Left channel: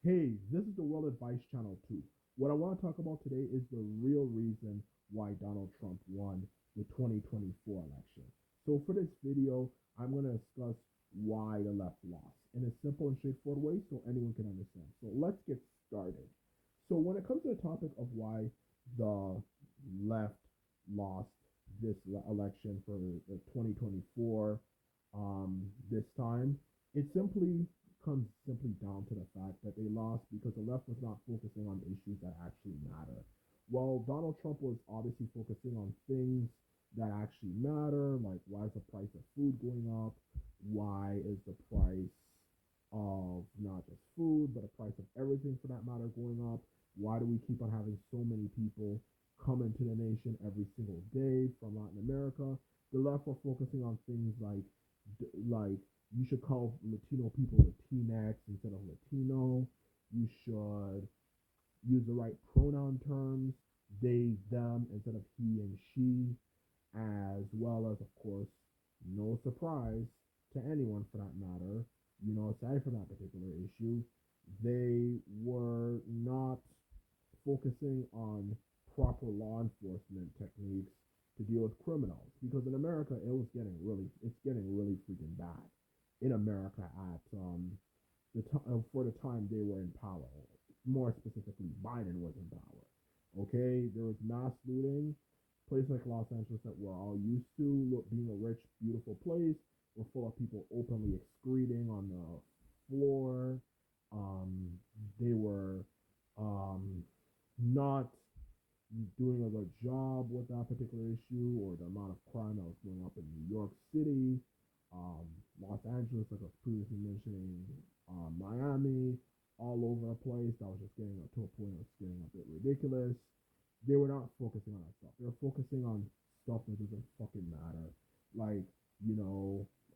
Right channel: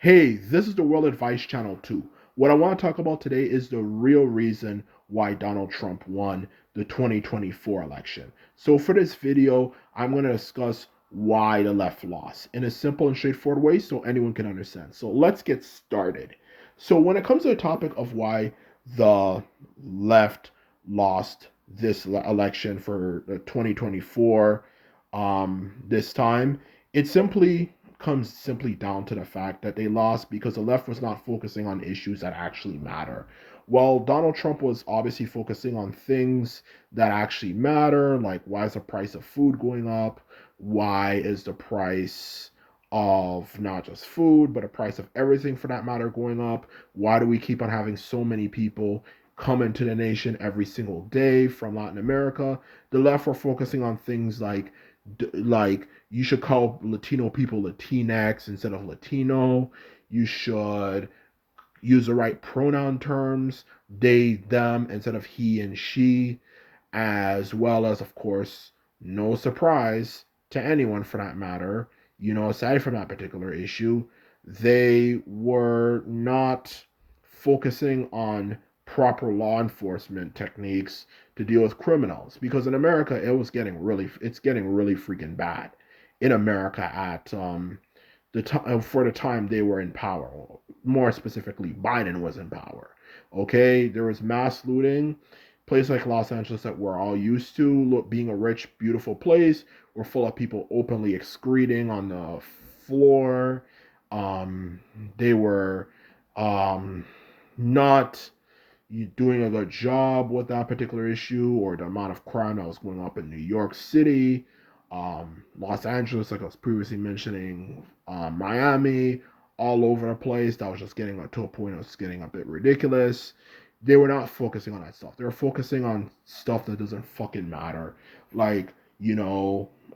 Hey, this is the World Advice Channel 2. What I want to talk about today is the real reason why Donald Trump won the 2024 election. So, for this video, I'm going to discuss why the left lost in a simple and straightforward way so anyone can understand. So, let's get started. So, when it comes to the topic of why the left lost this election for the 2024 this time, it simply comes simply down to the fact that they lost because the left was not focusing on issues that actually matter. While Donald Trump was obviously focusing on things that actually matter, like why is the price of food going up? Why is the price of not just food, but the price of everything for that matter going up? Why do we keep on having so many people come into the nation every single day from Latin America? The left were focusing on things like you should call Latino people Latinx instead of Latino. You should use the right pronoun terms, they, them, instead of he and she, as well as, of course, no surprise to anyone for that matter, aside from that particular issue, they were not focusing on proper law enforcement techniques to deal with criminals because in America it's getting really freaking bad in America at the time for the time they were in power. More specifically, Biden was in power. Okay, there was mass looting. Places like Los Angeles that we're all used to, being a rich, beautiful place, were full of people openly excreting on the floor. Um, they were um, not doing a good job with that particular issue or the amount of crime that was going up in New York City, Los Angeles, like I was previously mentioning, Miami, all over the place. That was just getting to a point it was getting a bit ridiculous. They were not focusing on that stuff. They were focusing on stuff that doesn't fucking matter, like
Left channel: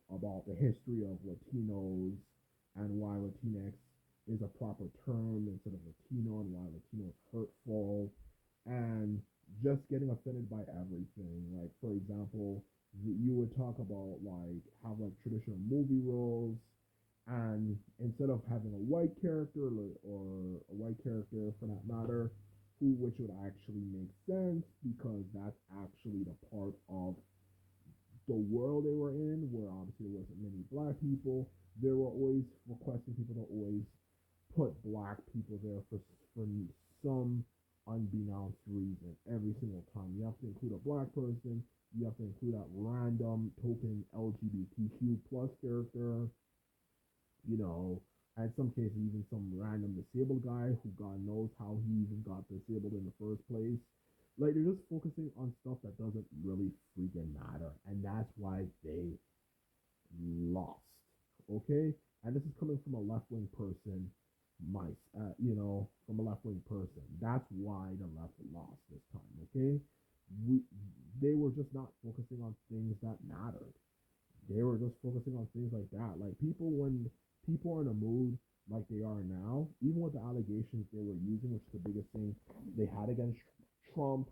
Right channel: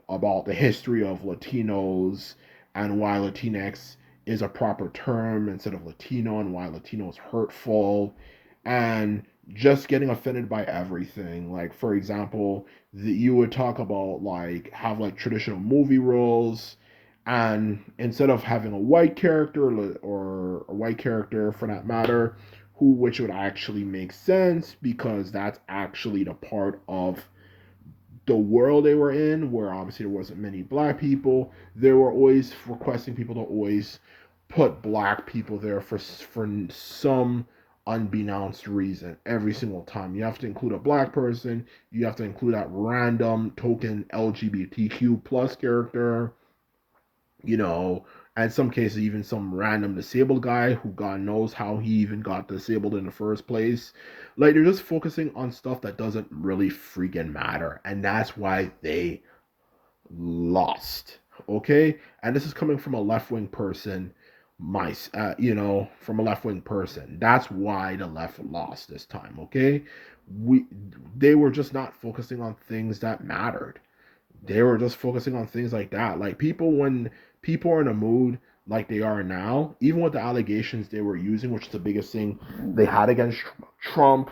about the history of Latinos and why Latinx is a proper term instead of Latino and why Latino is hurtful and just getting offended by everything. Like for example, you would talk about like have like traditional movie roles, and instead of having a white character or a white character for that matter, which would actually make sense because that's actually the part of the world they were in, where obviously there wasn't many black people. They were always requesting people to always put black people there for some unbeknownst reason every single time. You have to include a black person. You have to include that random token LGBTQ plus character. You know, and in some cases even some random disabled guy who God knows how he even got disabled in the first place. Like they're just focusing on stuff that doesn't really freaking matter, and that's why they lost. Okay, and this is coming from a left wing person, from a left wing person. That's why the left lost this time. Okay, we they were just not focusing on things that mattered. They were just focusing on things like that. Like when people are in a mood like they are now, even with the allegations they were using, which is the biggest thing they had against Trump,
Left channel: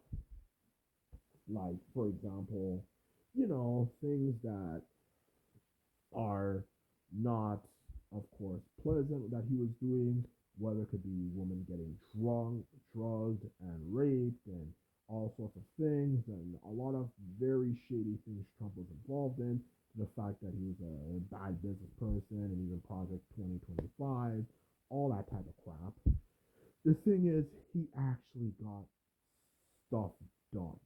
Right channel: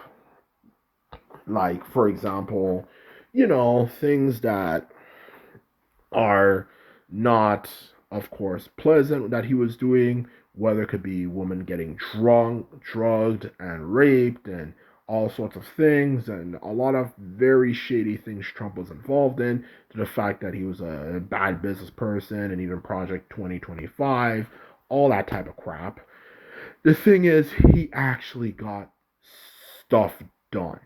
like for example, things that are not, of course, pleasant that he was doing, whether it could be women getting drunk, drugged, and raped, and all sorts of things, and a lot of very shady things Trump was involved in, to the fact that he was a bad business person, and even Project 2025, all that type of crap. The thing is, he actually got stuff done,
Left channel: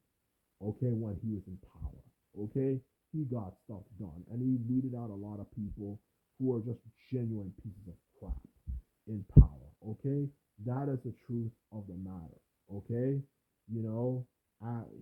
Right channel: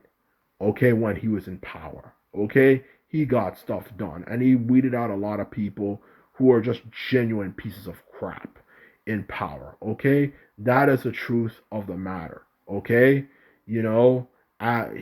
okay, when he was in power. Okay? He got stuff done. And he weeded out a lot of people who are just genuine pieces of crap in power. Okay? That is the truth of the matter. Okay? You know,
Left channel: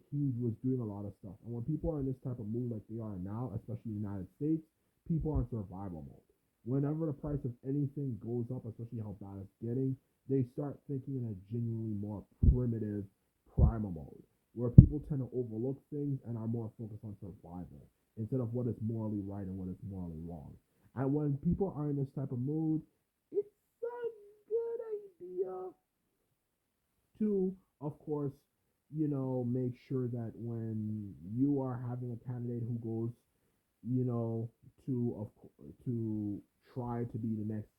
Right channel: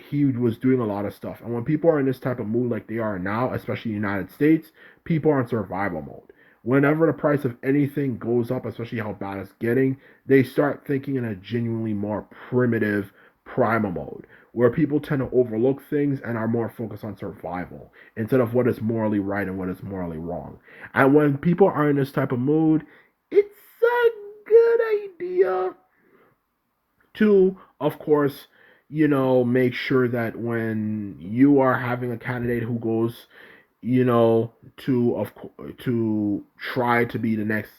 he was doing a lot of stuff. And when people are in this type of mood like they are now, especially in the United States, people are in survival mode. Whenever the price of anything goes up, especially how bad it's getting, they start thinking in a genuinely more primitive primal mode where people tend to overlook things and are more focused on survival instead of what is morally right and what is morally wrong. And when people are in this type of mood, it's a good idea to, of course, make sure that when you are having a candidate who goes, to try to be the next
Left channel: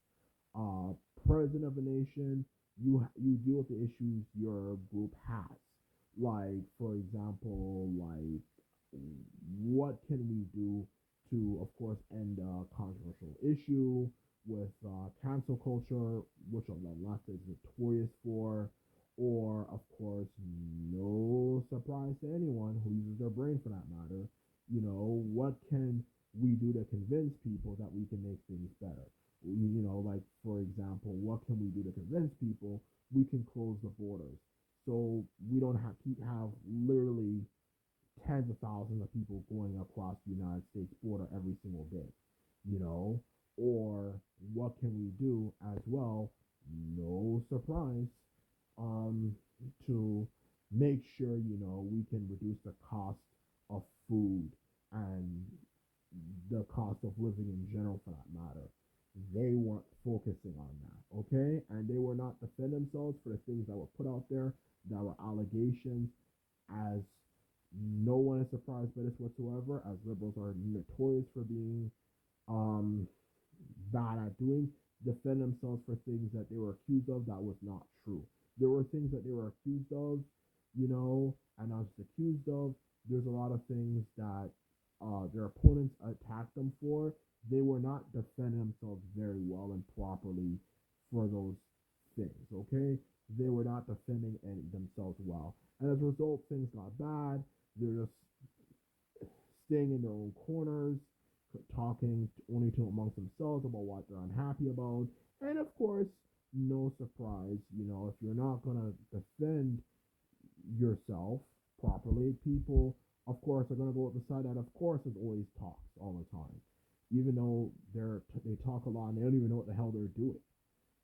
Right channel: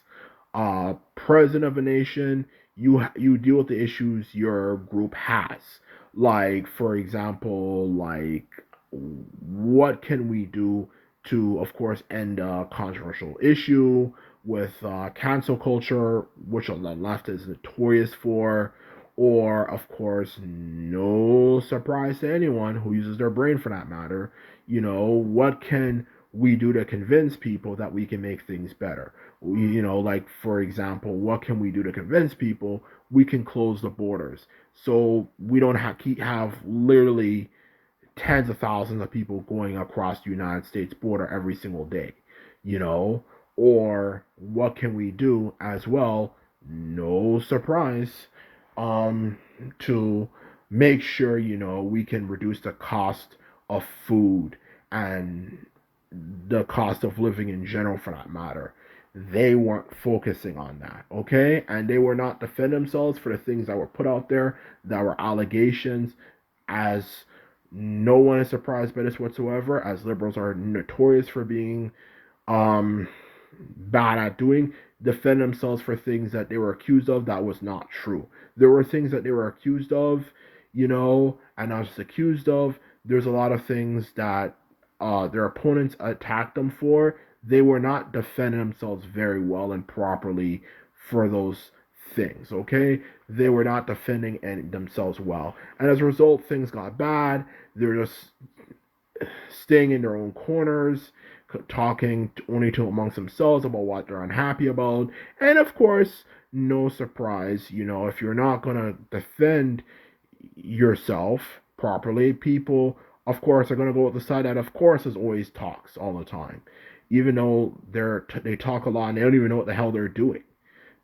president of a nation, you deal with the issues your group has. Like, for example, like, what can we do to, of course, end a controversial issue with cancel culture, which the left is notorious for, or, of course, no surprise to anyone who uses their brain for that matter, what can we do to convince people that we can make things better? Like, for example, what can we do to convince people we can close the borders so we don't have literally tens of thousands of people going across the United States border every single day, you know? Or what can we do as well? No surprise, um, to make sure, we can reduce the cost of food and the cost of living in general for that matter. They weren't focusing on that, okay? And they were not defending themselves for the things that were put out there that were allegations, as no one is surprised by this whatsoever, as liberals are notorious for being um, bad at doing, defend themselves for things that they were accused of that was not true. There were things that they were accused of, and not just accused of. There's a lot of things that their opponents attacked them for. They were not defending themselves very well and properly for those things, okay? They were not defending themselves well. And as a result, things got bad. They're just staying in their own corners, talking only to amongst themselves about what they're unhappy about. And of course, no surprise, if you're not going to defend yourself properly, people, of course, are going to go with the side that, of course, is always talks all the time. Even though they talk a lot and they don't even know what the hell they're doing.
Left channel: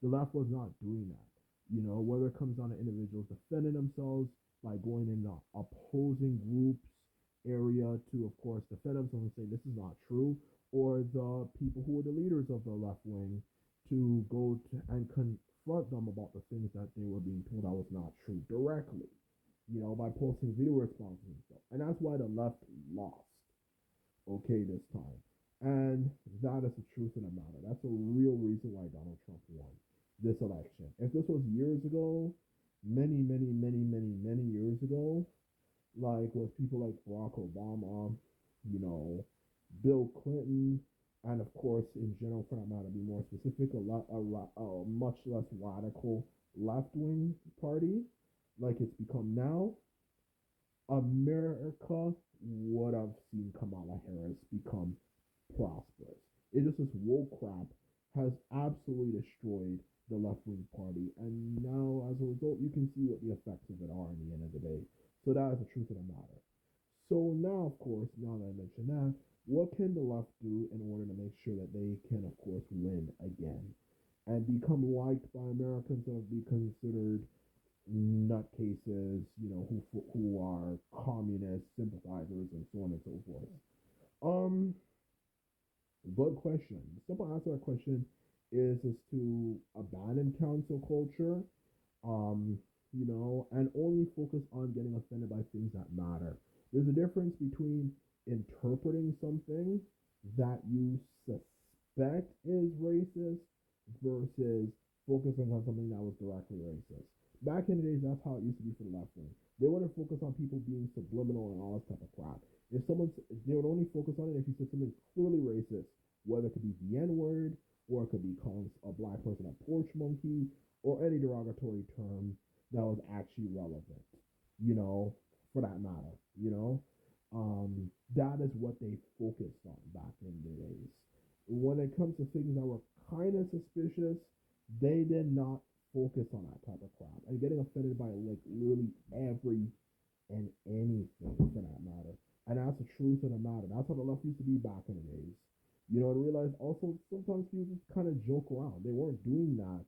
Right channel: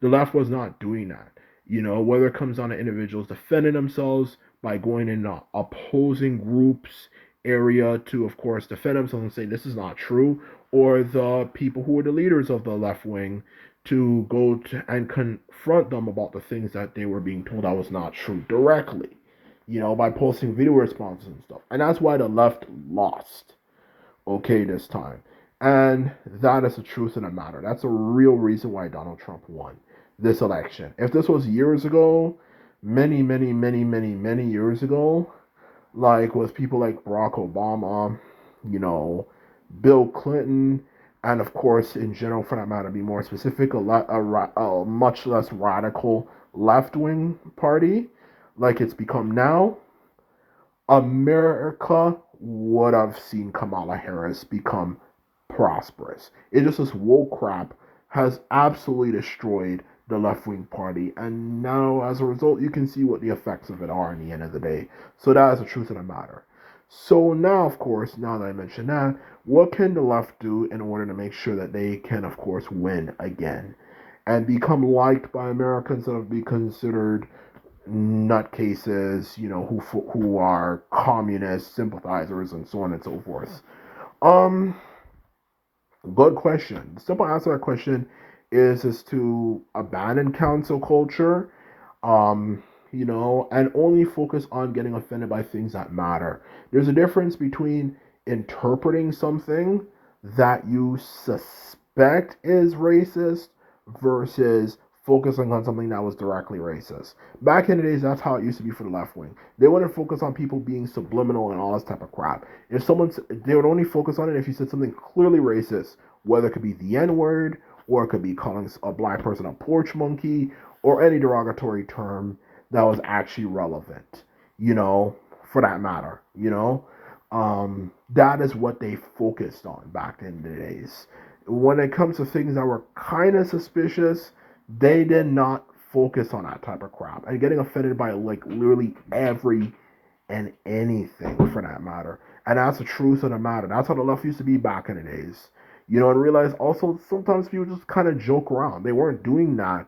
The left was not doing that. Whether it comes down to individuals defending themselves by going in opposing groups area to, of course, defend themselves and say this is not true, or the people who are the leaders of the left wing to go to and confront them about the things that they were being told that was not true directly, by posting video responses and stuff. And that's why the left lost, okay, this time. And that is the truth of the matter. That's a real reason why Donald Trump won this election. If this was years ago, many, many, many, many, many years ago, like with people like Barack Obama, you know, Bill Clinton, and of course, in general, for that matter, be more specific, a much less radical left wing party like it's become now, America would have seen Kamala Harris become prosperous. It just this woke crap has absolutely destroyed the left wing party, and now as a result, you can see what the effects of it are in the end of the day. So that is the truth of the matter. So now, of course, now that I mentioned that, what can the left do in order to make sure that they can, of course, win again and become liked by Americans and be considered nutcases, who are communist sympathizers and so on and so forth? Um, Good question. The simple answer to that question is to abandon cancel culture, and only focus on getting offended by things that matter. There's a difference between interpreting something that you suspect is racist versus focusing on something that was directly racist. Back in the days, that's how it used to be for the left wing. They wouldn't focus on people being subliminal and all this type of crap. They would only focus on it if you said something clearly racist, whether it could be the N word, or it could be calling a black person a porch monkey, or any derogatory term that was actually relevant, for that matter, that is what they focused on back in the days. When it comes to things that were kind of suspicious, they did not focus on that type of crap and getting offended by like literally every and anything for that matter. And that's the truth of the matter. That's how the left used to be back in the days. And realize also sometimes people just kind of joke around. They weren't doing that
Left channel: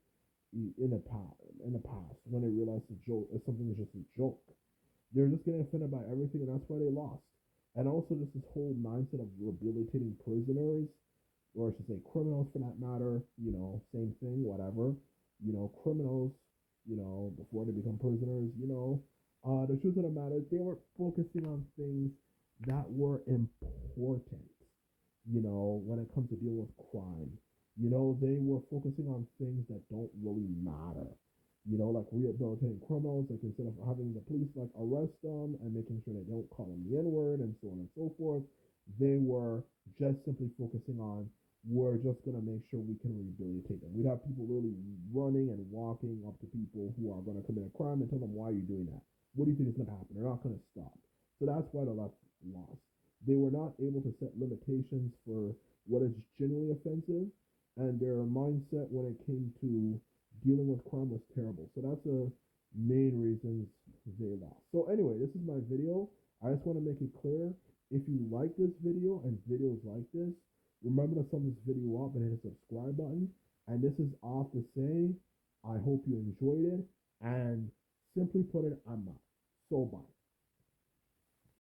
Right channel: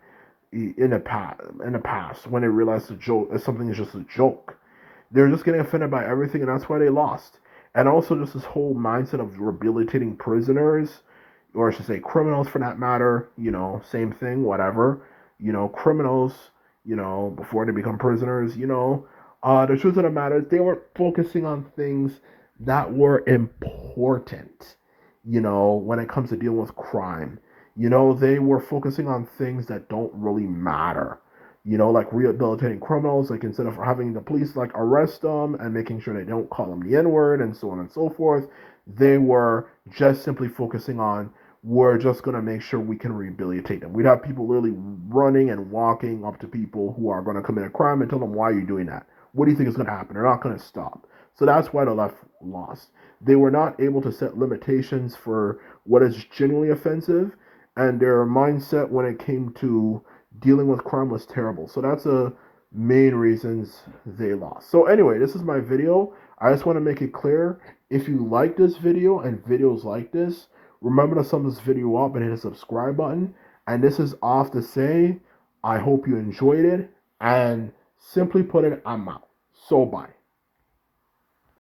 in the past when they realized something is just a joke. They're just getting offended by everything, and that's why they lost. And also just this whole mindset of rehabilitating prisoners, or I should say criminals for that matter, same thing, whatever. Criminals, before they become prisoners, the truth of the matter is they weren't focusing on things that were important, when it comes to dealing with crime. You know, they were focusing on things that don't really matter. You know, like rehabilitating criminals, like instead of having the police like arrest them and making sure they don't call them the N word and so on and so forth, they were just simply focusing on, we're just going to make sure we can rehabilitate them. We'd have people literally running and walking up to people who are going to commit a crime and tell them, why are you doing that? What do you think is going to happen? They're not going to stop. So that's why the left lost. They were not able to set limitations for what is genuinely offensive, and their mindset when it came to dealing with crime was terrible. So that's a main reasons they lost. So anyway, this is my video. I just want to make it clear, if you like this video and videos like this, remember to sum this video up and hit the subscribe button. And this is off to say, I hope you enjoyed it, and simply put it, I'm out. So bye.